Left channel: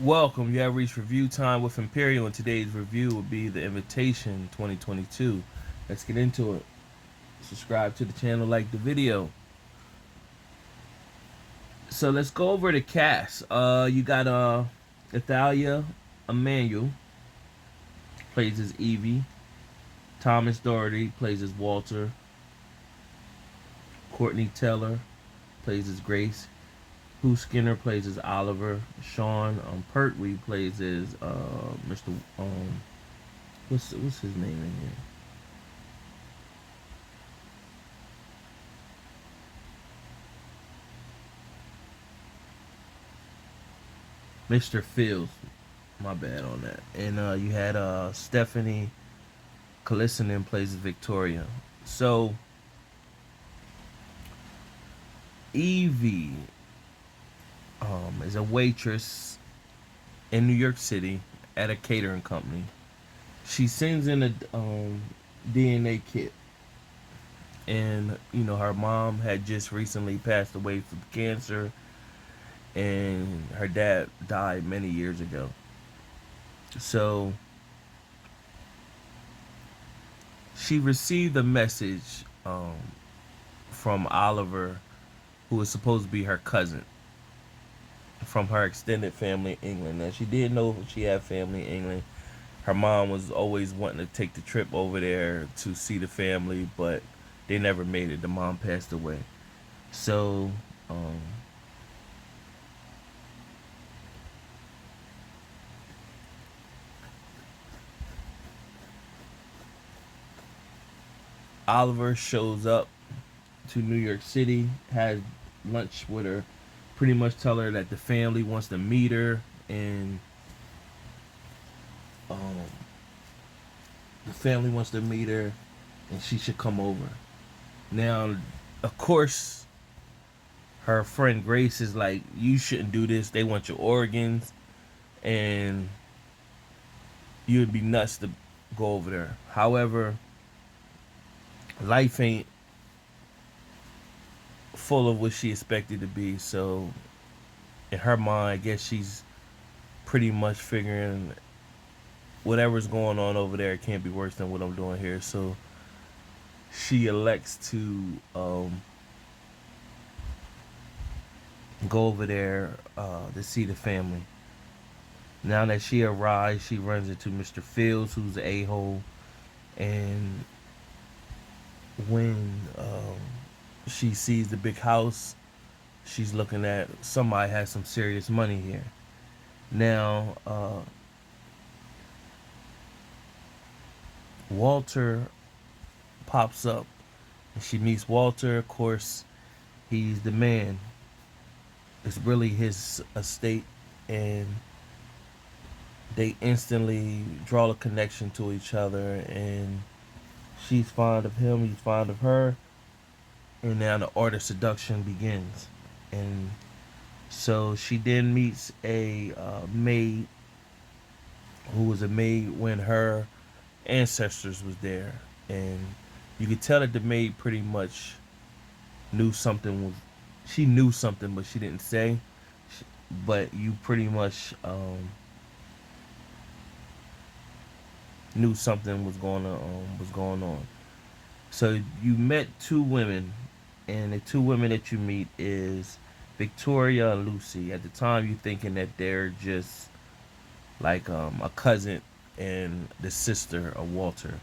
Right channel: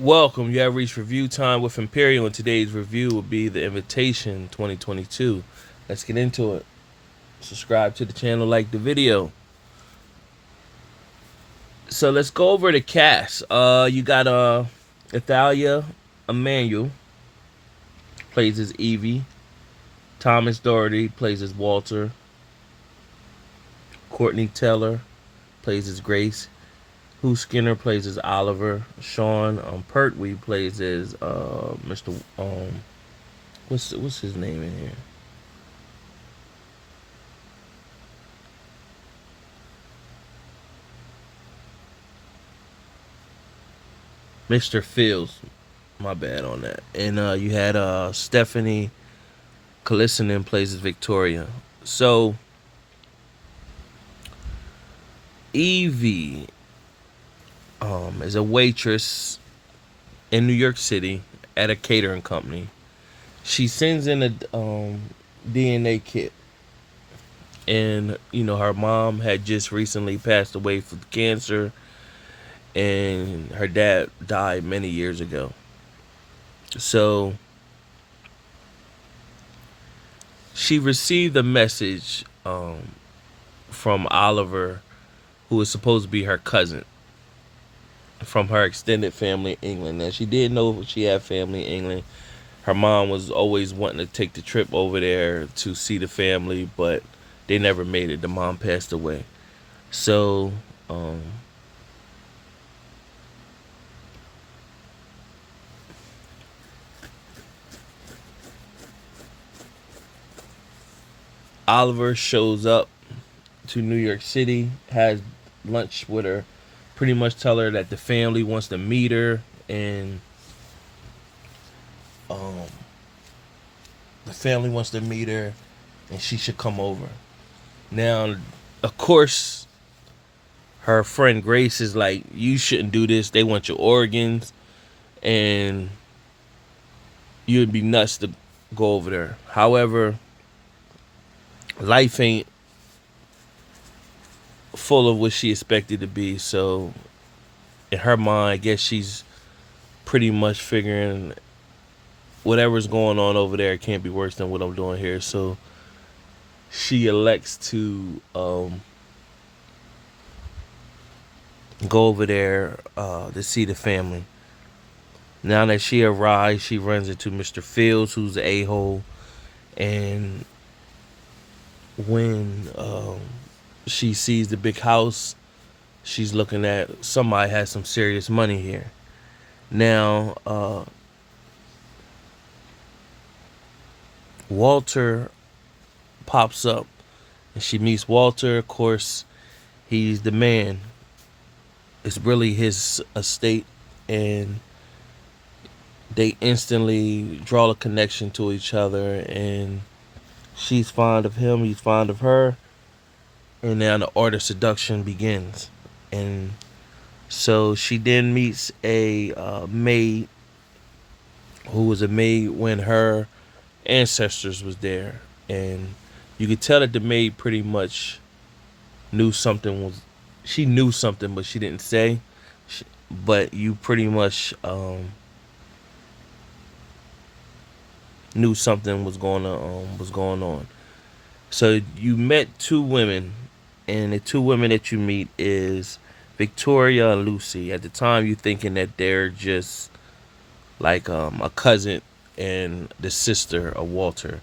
Welcome. You have reached review time with Imperial, and today's review will be The Invitation 2022. Let's get into it. Subscribe to the channel, like the video. So let's go over the cast. You got Athalia Emanuel plays as Evie. Thomas Doherty plays as Walter. Courtney Teller plays as Grace. Hugh Skinner plays as Oliver. Sean Pertwee plays as Mr. What's his name in here? Mr. Fields. My bad on that. And you had Stephanie Kalissinen plays as Victoria. So Evie is a waitress in New York City at a catering company. She sends in a DNA kit, and her mom had just recently passed away from cancer, and her dad died many years ago. So she received a message from Oliver, who is supposed to be her cousin, from her extended family in England. Now she did know she had family in England. Her mom was always wanting to take the trip over there to see the family, but they never made it. The mom passed away. So Oliver shows up to New York City, has lunch with her, pretty much tell her that the family wants to meet her, and um, the family wants to meet her, and she should come over. Now, of course, her friend Grace is like, "You shouldn't do this. They want your organs, and you'd be nuts to go over there." However, life ain't full of what she expected to be. So, in her mind, I guess she's pretty much figuring whatever's going on over there can't be worse than what I'm doing here. So she elects to go over there to see the family. Now that she arrives, she runs into Mr. Fields, who's the a-hole, and when she sees the big house, she's looking at somebody has some serious money here. Now, Walter pops up, and she meets Walter. Of course, he's the man. It's really his estate, and they instantly draw a connection to each other. And she's fond of him, he's fond of her, and now the art of seduction begins. And so she then meets a maid who was a maid when her ancestors was there, and you could tell that the maid pretty much knew something was she knew something, but she didn't say. But you pretty much knew something was going on. So you met two women, and the two women that you meet is Victoria and Lucy. At the time, you thinking that they're just like a cousin and the sister of Walter.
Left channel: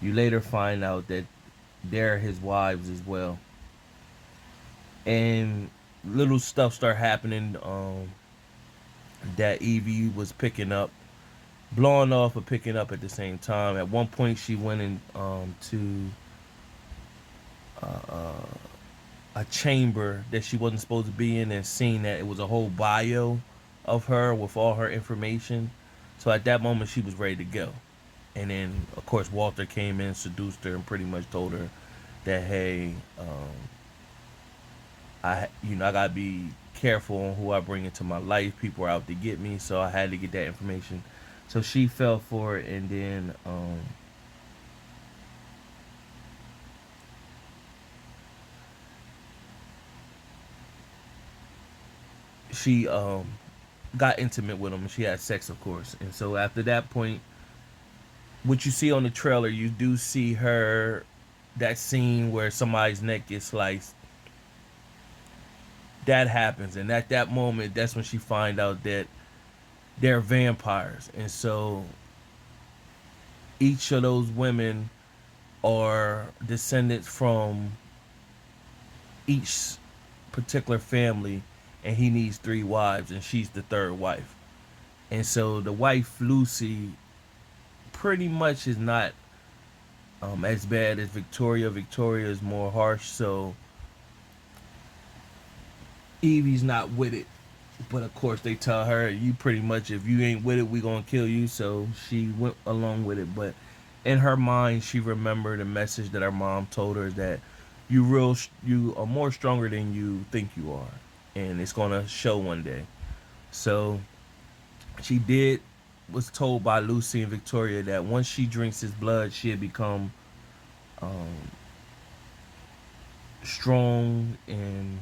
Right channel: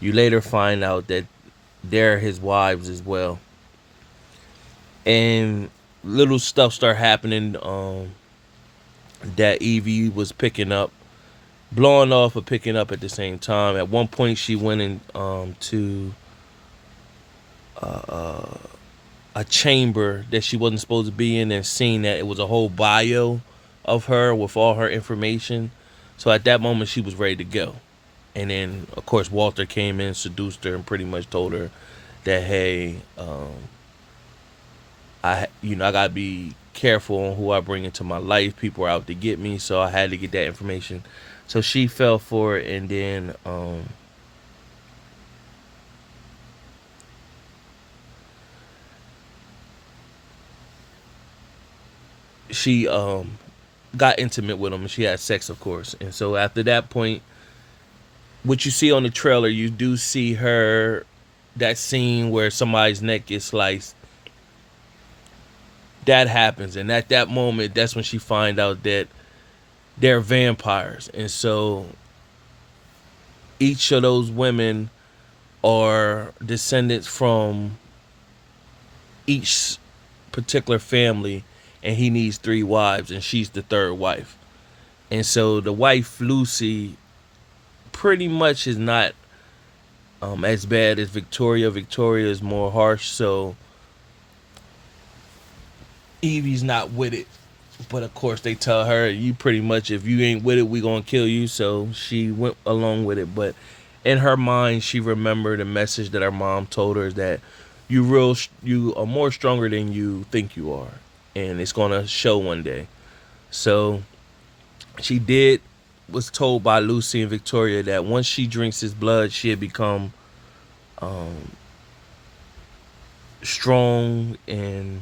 You later find out that they're his wives as well, and little stuff start happening that Evie was picking up, blowing off or picking up at the same time. At one point, she went in to a chamber that she wasn't supposed to be in, and seen that it was a whole bio of her with all her information. So at that moment, she was ready to go. And then, of course, Walter came in, seduced her, and pretty much told her that, hey, I gotta be careful on who I bring into my life. People are out to get me, so I had to get that information. So she fell for it, and then she got intimate with him, and she had sex, of course. And so after that point, what you see on the trailer, you do see her, that scene where somebody's neck gets sliced. That happens, and at that moment, that's when she find out that they're vampires, and so each of those women are descendants from each particular family, and he needs three wives, and she's the third wife. And so the wife Lucy pretty much is not as bad as Victoria. Victoria is more harsh, so Evie's not with it. But of course, they tell her, "You pretty much, if you ain't with it, we gonna kill you." So she went along with it. But in her mind, she remembered a message that her mom told her that you are more stronger than you think you are, and it's gonna show one day. So she did was told by Lucy and Victoria that once she drinks his blood, she'll become um, strong, and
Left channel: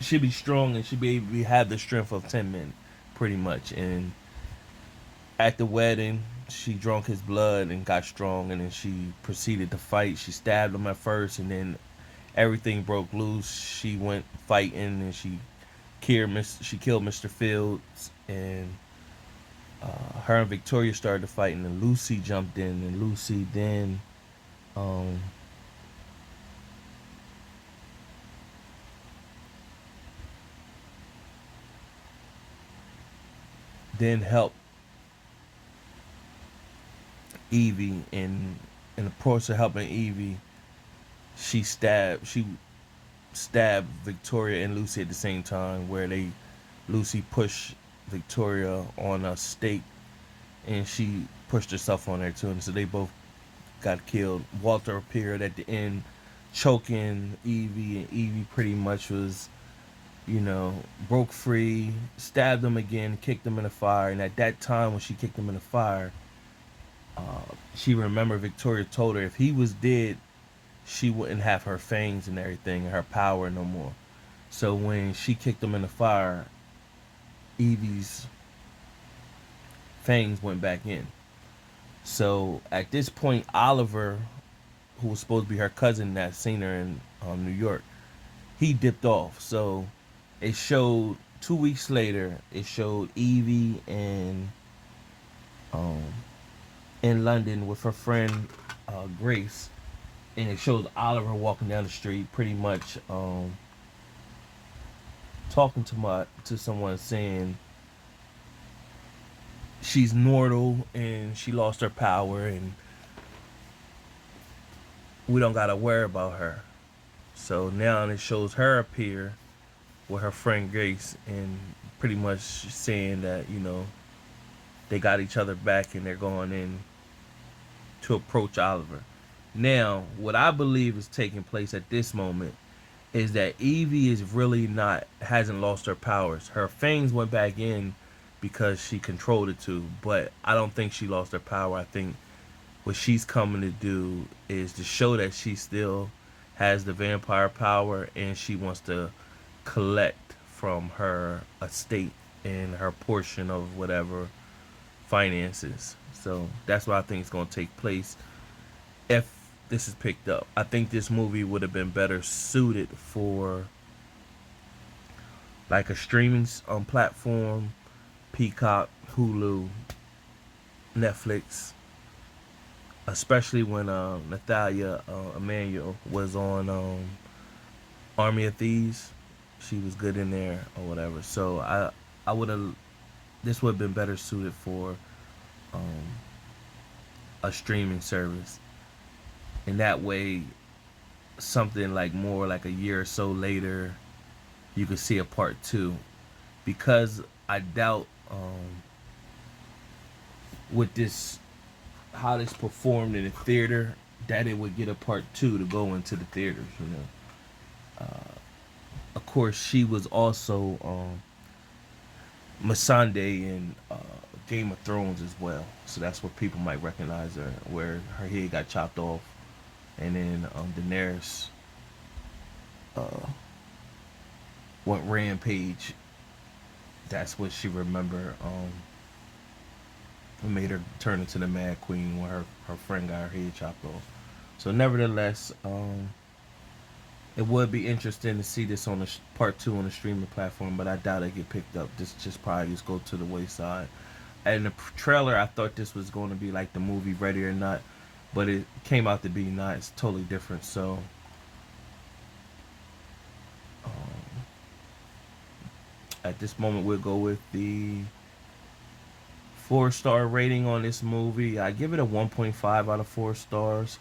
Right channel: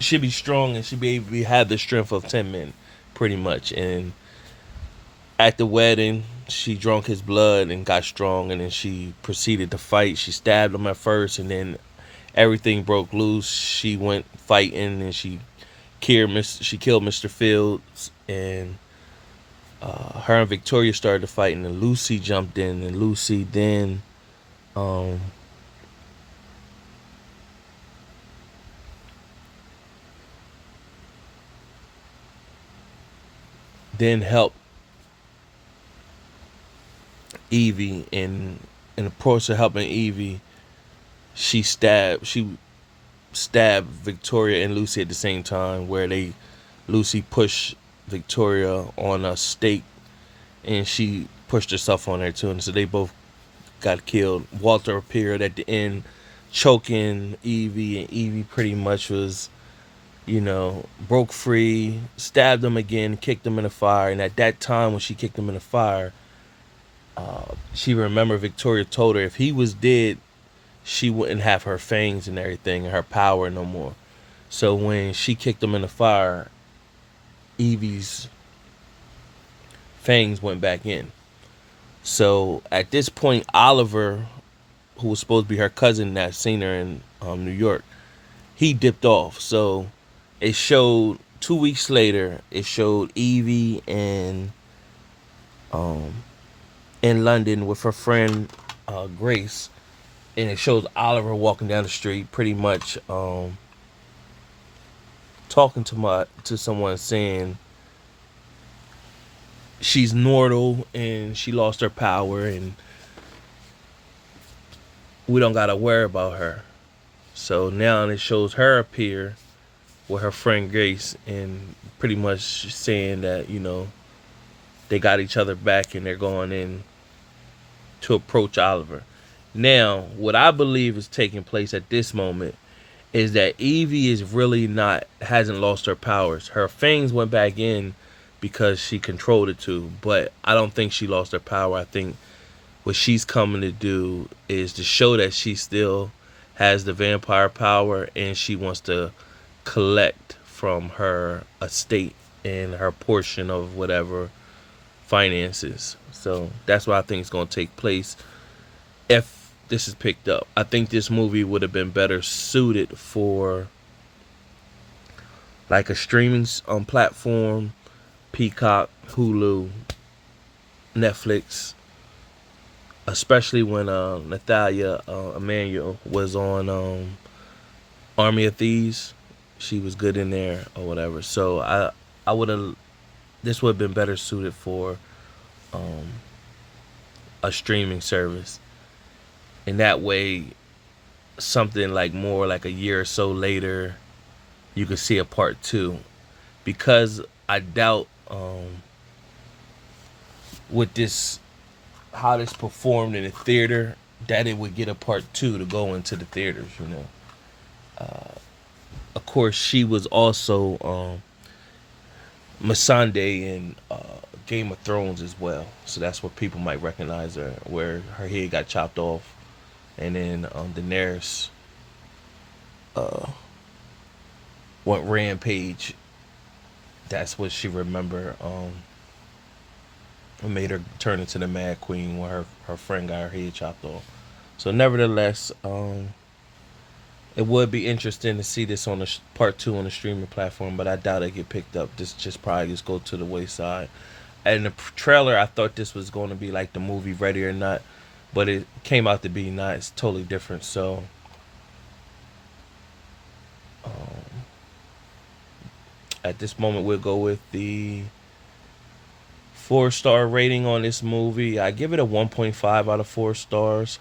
she'll be strong, and she'll be able to have the strength of 10 men, pretty much. And at the wedding, she drank his blood and got strong, and then she proceeded to fight. She stabbed him at first, and then everything broke loose. She went fighting, and she killed Mr. Fields, and her and Victoria started fighting, and Lucy jumped in, and Lucy um, then helped Evie, and in the process of helping Evie, she stabbed Victoria and Lucy at the same time, where they Lucy pushed Victoria on a stake, and she pushed herself on there too, and so they both got killed. Walter appeared at the end, choking Evie, and Evie pretty much was, broke free, stabbed him again, kicked him in the fire. And at that time, when she kicked him in the fire, she remembered Victoria told her if he was dead, she wouldn't have her fangs and everything and her power no more. So when she kicked him in the fire, Evie's fangs went back in. So at this point, Oliver, who was supposed to be her cousin that seen her in New York, he dipped off. So it showed 2 weeks later. It showed Evie um, in London with her friend Grace, and it shows Oliver walking down the street, pretty much talking to someone, saying she's mortal and she lost her power, and we don't gotta worry about her. So now it shows her appear with her friend Grace, and pretty much saying that they got each other back, and they're going in to approach Oliver. Now, what I believe is taking place at this moment is that Evie is really not hasn't lost her powers. Her fangs went back in because she controlled it to, but I don't think she lost her power. I think what she's coming to do is to show that she still has the vampire power, and she wants to collect from her estate and her portion of whatever finances. So that's what I think is going to take place if this is picked up. I think this movie would have been better suited for like a streaming platform, Peacock, Hulu, Netflix, especially when Natalia Emmanuel was on Army of Thieves. She was good in there or whatever. So I would have this would have been better suited for um, a streaming service. And that way, something like more like a year or so later, you could see a part two. Because I doubt with this how this performed in the theater that it would get a part two to go into the theaters. Of course, she was also Missandei in Game of Thrones as well, so that's where people might recognize her, where her head got chopped off, and then Daenerys. went rampage. That's what she remember. Made her turn into the Mad Queen when her friend got her head chopped off. So nevertheless, it would be interesting to see this on the part two on the streaming platform, but I doubt it get picked up. This just probably just go to the wayside. And the trailer, I thought this was going to be like the movie Ready or Not, but it came out to be not. It's totally different. So um, at this moment, we'll go with the 4-star rating on this movie. I give it a 1.5 out of 4 stars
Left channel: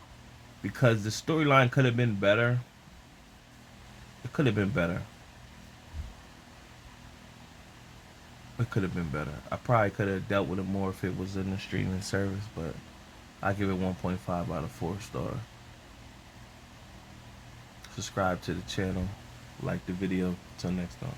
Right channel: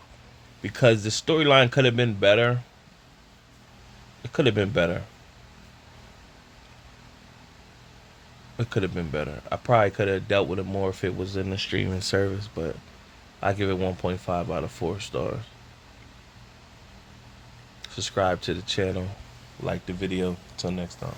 because the storyline could have been better. It could have been better. It could have been better. I probably could have dealt with it more if it was in the streaming service, but I give it 1.5 out of 4 stars. Subscribe to the channel, like the video. Until next time.